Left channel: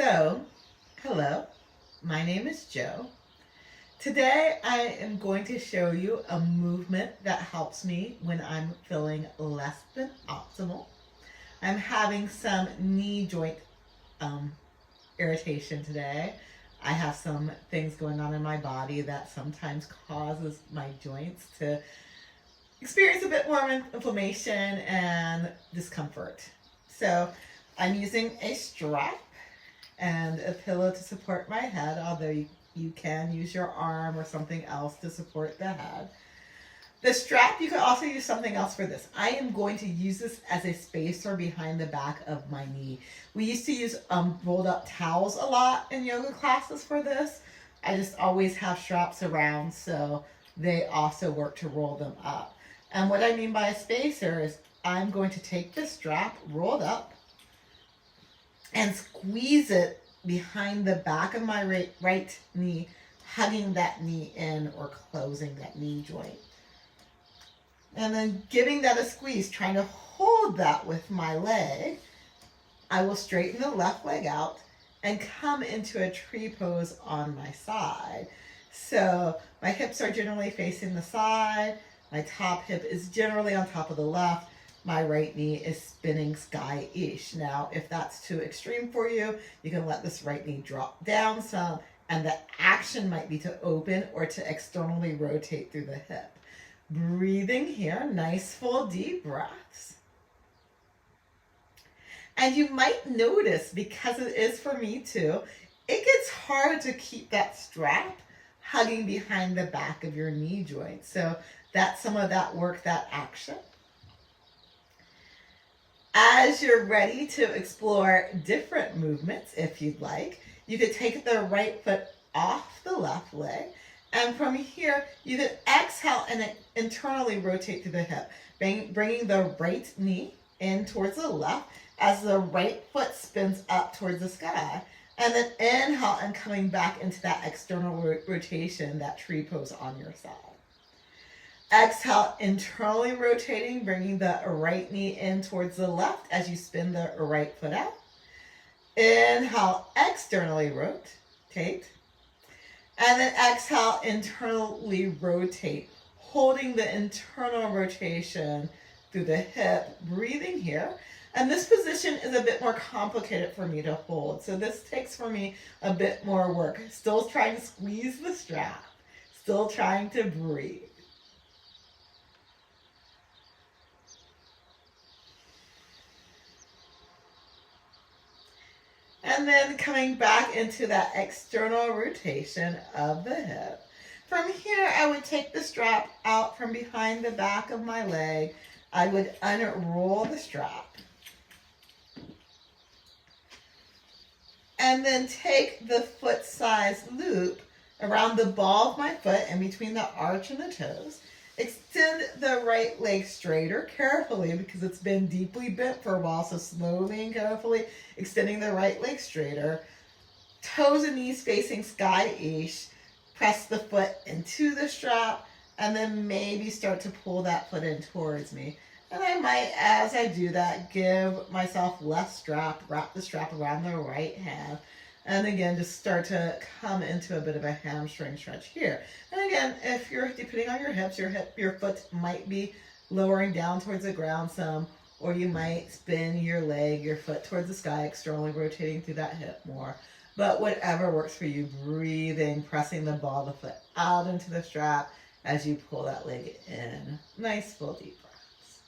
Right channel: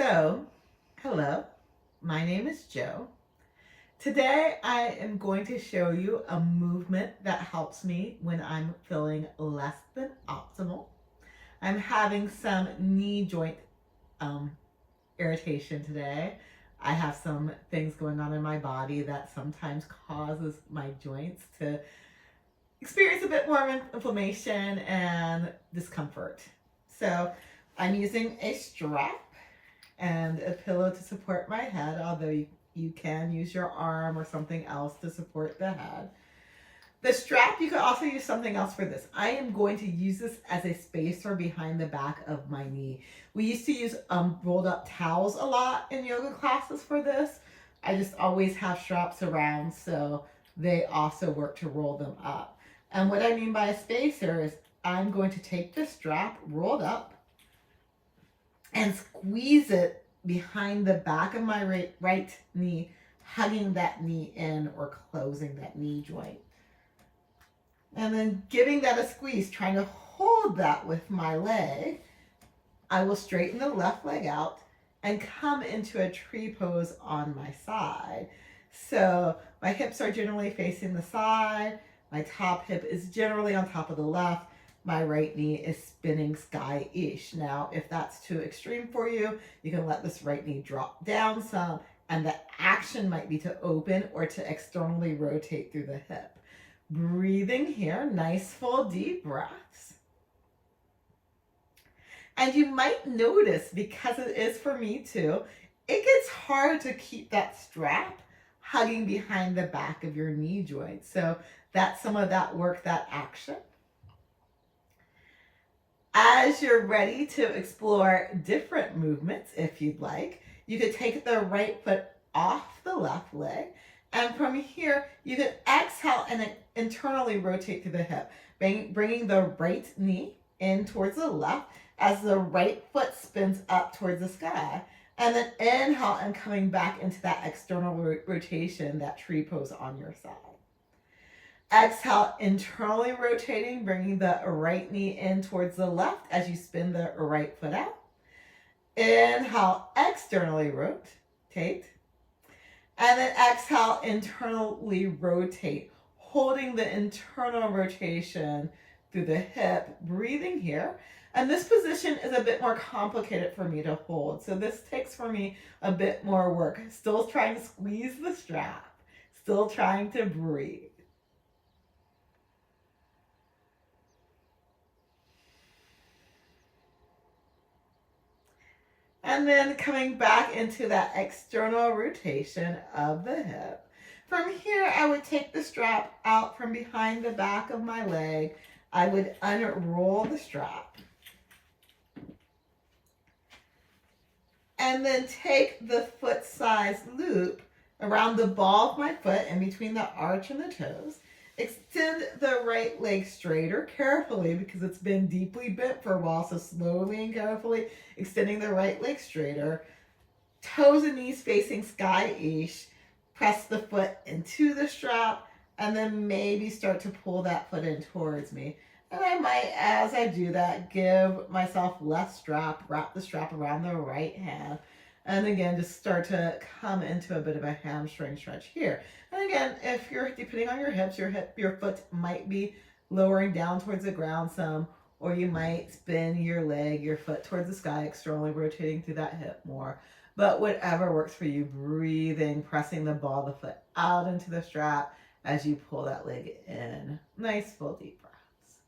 So, hello, my name is Jo. Today I am going to show you a movement that helps me when I'm feeling less than optimal. I'm having some knee joint um, irritation today. I have some things going on in my body that sometimes causes my joints to experience a bit more inflammation and discomfort. So I'm using a strap and a pillow to support my head, although you can use your arm or something else to support the head. The strap, you could also use something else for this. I am going to use this as a spacer behind the back of my knee. We used to use rolled up towels a lot in yoga classes for this. I just always have straps around, so they also work to roll them up. And what I mean by a spacer is I'm going to take the strap rolled up and squeeze it behind the back of my right knee, hugging that knee in or closing that knee joint. And then giving that a squeeze, trying to hold that with my leg. I will straighten the left leg out and come into a tree pose on my side. So my hips are generally facing the side. My top hip is generally on top of the left. My right knee is spinning sky-ish. Now, if that's too extreme for you, you can let this right knee drop down some, and the action might be to open or to externally rotate through the hip. Breathing here, nice full deep breaths. And you might notice, because it is for me too, it gets hard to keep that strap hugging behind the back of your knee joint. So that's some of that work, that action. As you're ready to explore different movements, if you'd like, you could take the right foot off the left leg. And from here, you could exhale and internally rotate through the hip, bringing the right knee in towards the left as the right foot spins up towards the sky. And then inhale and coming back into that external rotation, that tree pose on your side. Exhale, internally rotating, bringing the right knee in towards the left as you spin the right foot out. Inhale, externally rotate. And then exhale, internally rotate, holding the internal rotation through the hip, breathing here. And this position is a bit more complicated for me to hold. So this takes for me a bit more work. Still trying to squeeze the strap, still trying to breathe. And then coming back into that external rotation of the hip. From here, I would take the strap out from behind the back of my leg. I would unroll the strap. And then take the foot size loop around the ball of my foot in between the arch and the toes. Extend the right leg straighter carefully because it's been deeply bent for a while, so slowly and carefully extending the right leg straighter. Toes and knees facing sky-ish. Press the foot into the strap and then maybe start to pull that foot in towards me. And I might, as I do that, give myself less strap, wrap the strap around the right hand. And again, just start to come into a bit of a hamstring stretch here. And again, if you're, depending on your hips, your foot might be lowering down towards the ground some, or you might spin your leg, your foot towards the sky, externally rotating through that hip more. But whatever works for you, breathing, pressing the ball of the foot out into the strap as you pull that leg in. Nice full deep breaths.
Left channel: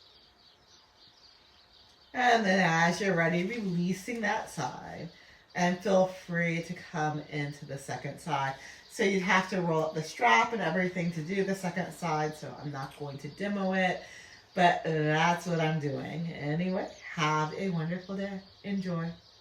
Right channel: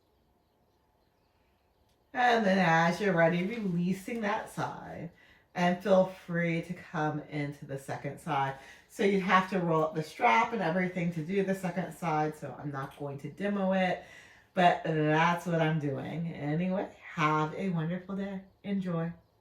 And then as you're ready, releasing that side. And feel free to come into the second side. So you'd have to roll up the strap and everything to do the second side, so I'm not going to demo it, but that's what I'm doing. Anyway, have a wonderful day. Enjoy.